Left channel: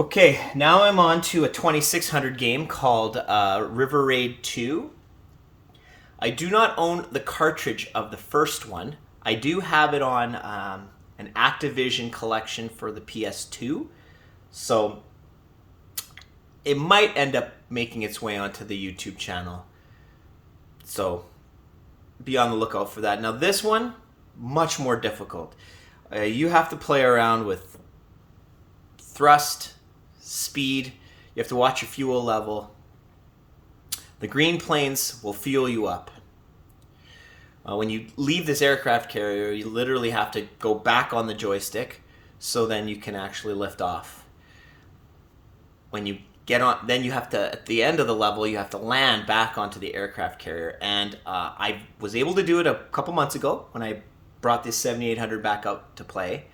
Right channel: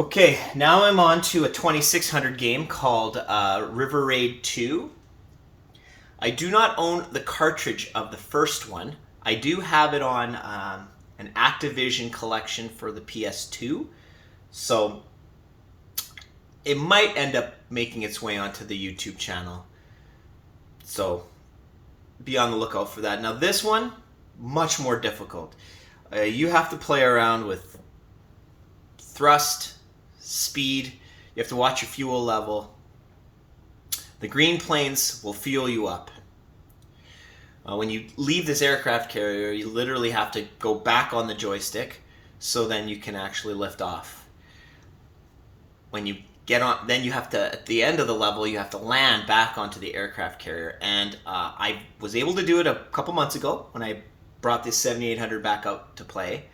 Okay, now I'm on to a 2600 game called River Raid 2. I do not own the cartridge of the first one. I do have it on an Activision collection for the PS2, so it might end up making its way onto the YouTube channel. So be on the lookout for that. Now this one, much more difficult. You have to play around with thrust, speed. You have to watch your fuel level. The green planes will fuel you up. When you leave this aircraft carrier, you literally have to go back on the joystick so then you can actually lift off. When you get on, then you have to, at the end of the level, you have to land back onto the aircraft carrier. And I was able to do it a couple months ago when I brought this 7800 back up to play.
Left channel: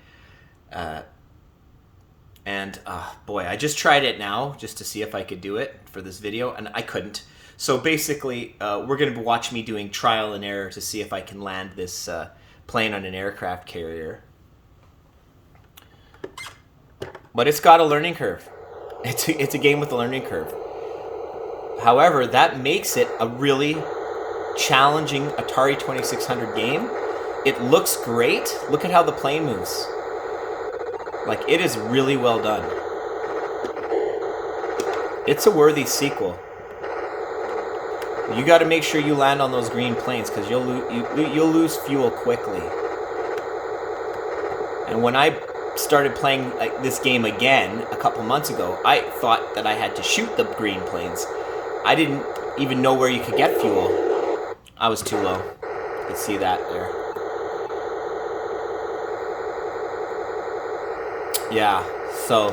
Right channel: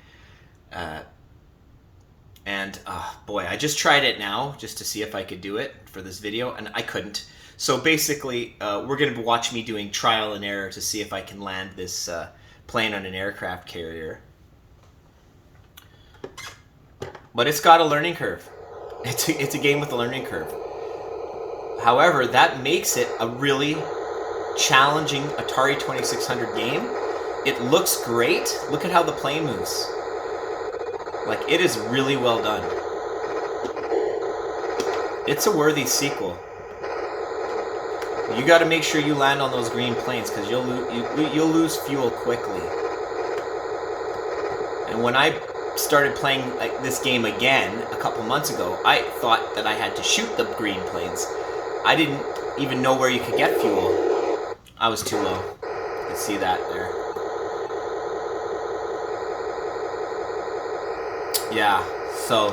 Boy, I just tried it now just to see if I could do it for this video, and I couldn't. So basically, we're going to watch me doing trial and error to see if I can land this plane on an aircraft carrier. But it's got a learning curve. It's a game with a learning curve. However, that makes it a really challenging Atari 2600 game. It looks great. Look at how the plane moves. Like, it is really well done. It's a worthy sequel. You got to make sure you land on those green planes because you'll lose fuel quickly. And when I started playing this game again a couple months ago, I thought that I had to shoot the green planes. I didn't even know where you could get fuel. I was too low. You can see that there. Yeah, so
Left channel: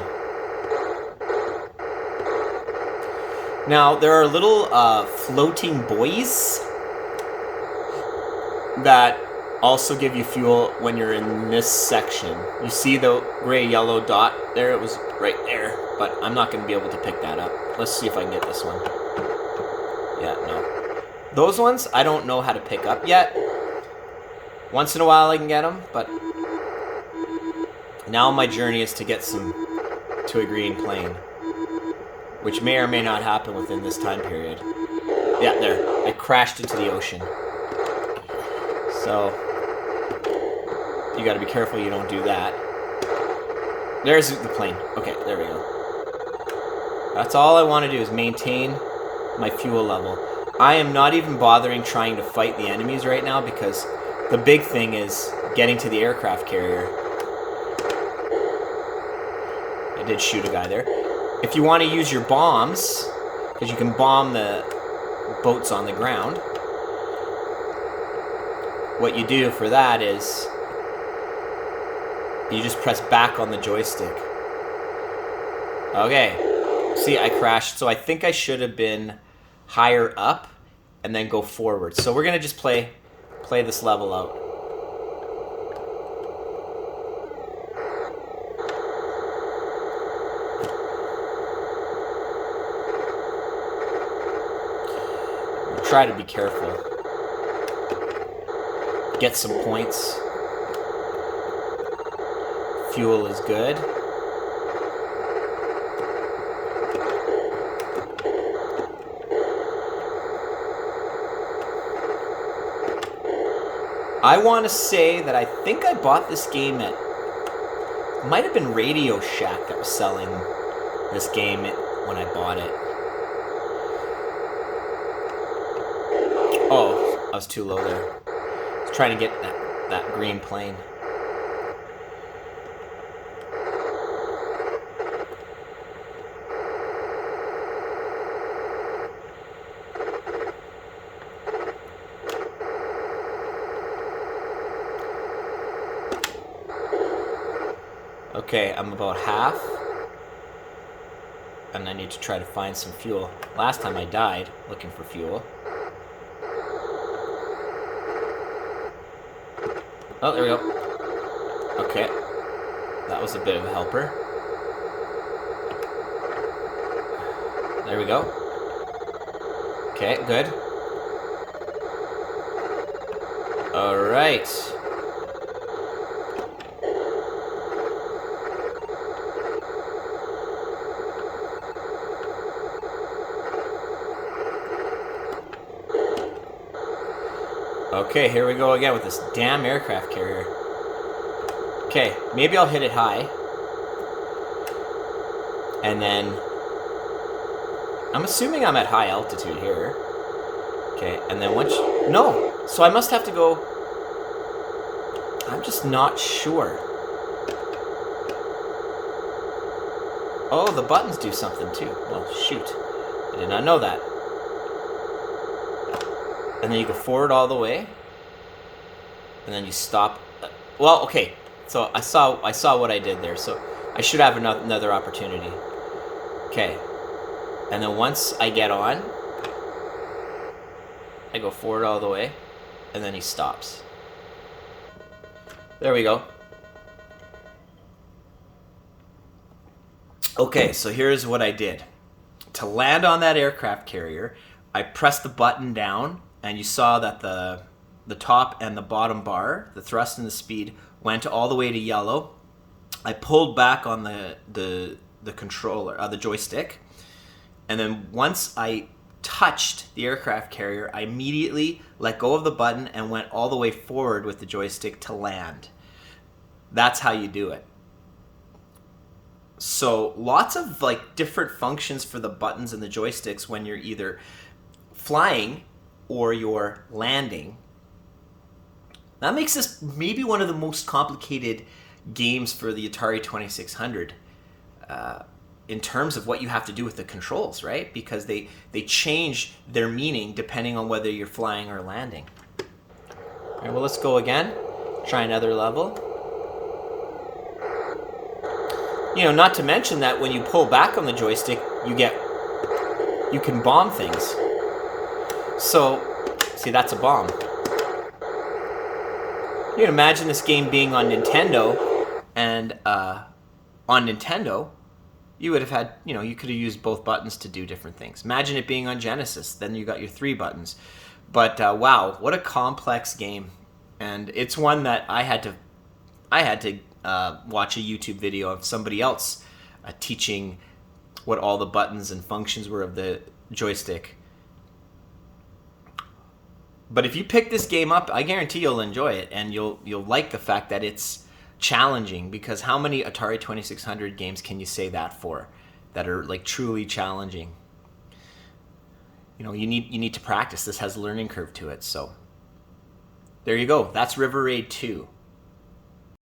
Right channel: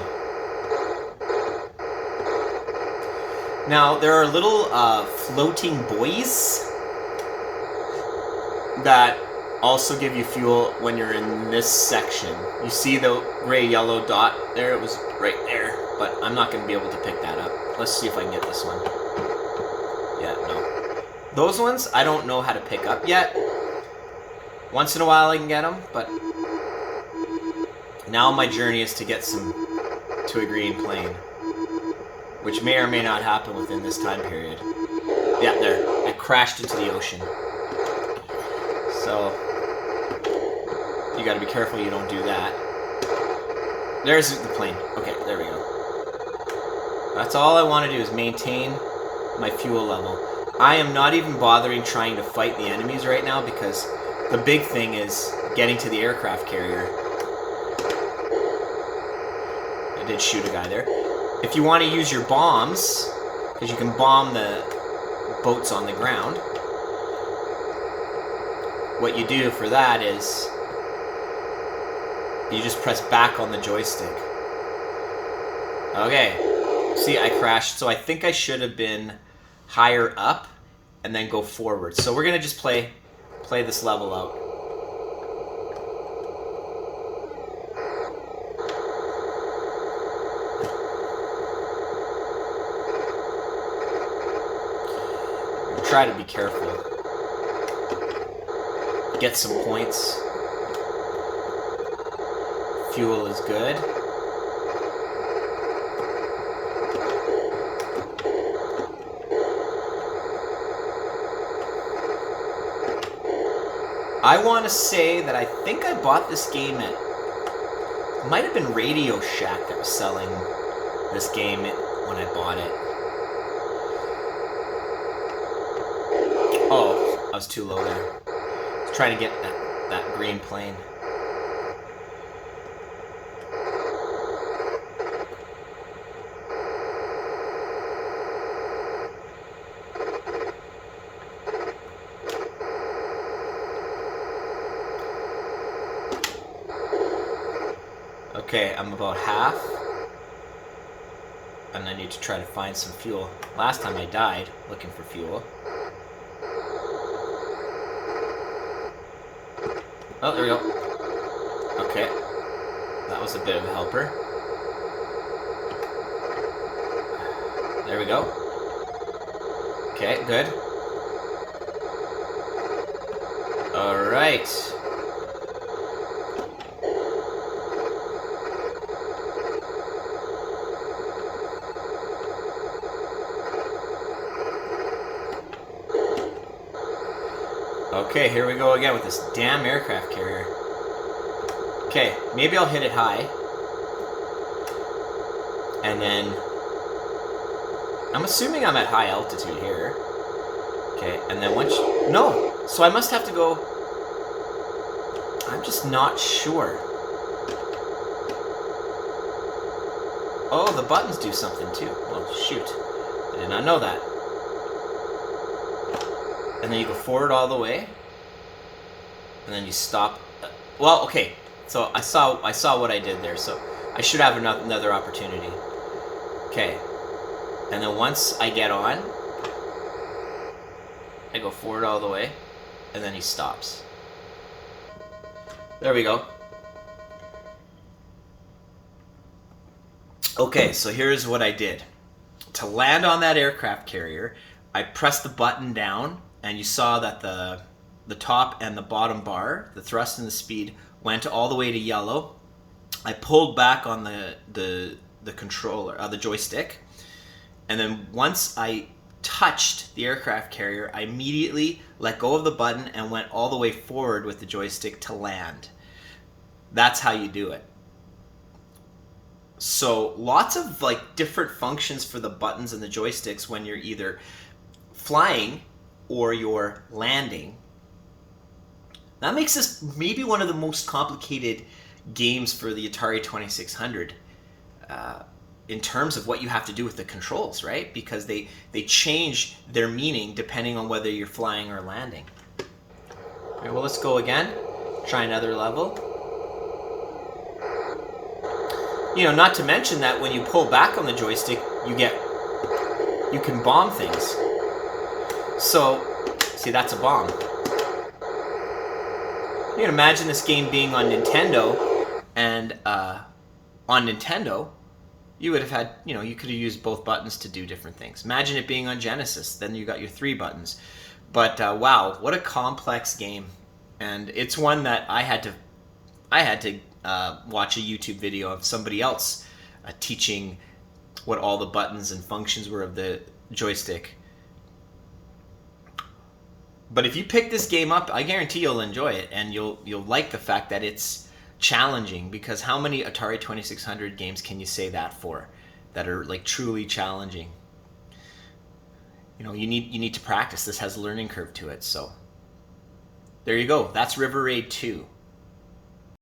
now there are little floating buoys that also give you fuel when you're in this section. You see the gray-yellow dot there? It was right there, but I'm not going to be able to pick that up. Let's see if I can get this one. Yeah, no. Those ones, I don't know how to pick up yet. Once in a while I can get them, but now my journey is to get to a green plane, which may or may not happen within this time period. Yeah, there. It crashed into the ocean. So you got to be careful you don't do that. There's the plane. Okay, there we go. That's all I want to do is maintain my fuel level. I am not even bothering trying to fight the enemies right now because the big thing is getting to the aircraft carrier. I did shoot a guy there. If you want to use your bombs, because you can bomb the boats on the ground, what you do for that is you just press back on the joystick. Okay. See, I crashed, so I think I should have been higher up and then go forward. So we're going to just play this level out. Try to be careful. Get some points. Fuel is good. I want to say that I think I bought this game at... It might have been Radio Shack that was selling this game when I bought it. Oh, I was too low there. I was trying to get that green plane. Okay, I'm about half. And I need to try to find some fuel. Last time I died looking for fuel. Oh, there we go. Okay. That was a bit of a helper. There we go. Okay, good. Alright. Okay, here we go again with this damn aircraft carrier. Okay, maybe I'll hit it high. And then... I'm assuming I'm at high altitude here. Okay, and then once... No! So I must have to go... I'm just not sure. Oh, the buttons do something too. Oh, shoot. I did not know that. And then you go forward all the way. And then you stop. Well, okay. So I saw what I did there. So I should have another opportunity. Okay. And then once I get on, I go forward all the way. And then he stops. There we go. Okay, so here's what I did. To land on that aircraft carrier, I pressed the button down, and you saw that the top and the bottom bar, the thrust and the speed, went all the way to yellow. I pulled back on the controller, the joystick, and then once I touched the aircraft carrier, I immediately let go of the button and went all the way forward with the joystick to land. That's how you do it. So lots of like different functions for the buttons and the joysticks when you're either flying or you're landing. That makes this maybe one of the most complicated games for the Atari 2600 in terms of what you have to do with the controls, right? Because they change their meaning depending on whether you're flying or landing. All right, well, let's go again. Try another level. You know, not to mention that when you pull back on the joystick, you can bomb things. So, see, that's a bomb. You can imagine this game being on Nintendo, and on Nintendo, you would have had, you know, you could have used both buttons to do different things. Imagine it being on Genesis, then you got your 3 buttons. But wow, what a complex game. And it's one that I had to watch a YouTube video of somebody else teaching what all the buttons and functions were of the joystick. But if you pick this game up, I guarantee you'll enjoy it, and you'll like the fact that it's challenging, because how many Atari 2600 games can you say that for that are like truly challenging? You know, you need to practice. This has a learning curve to it. So there you go. That's River Raid 2.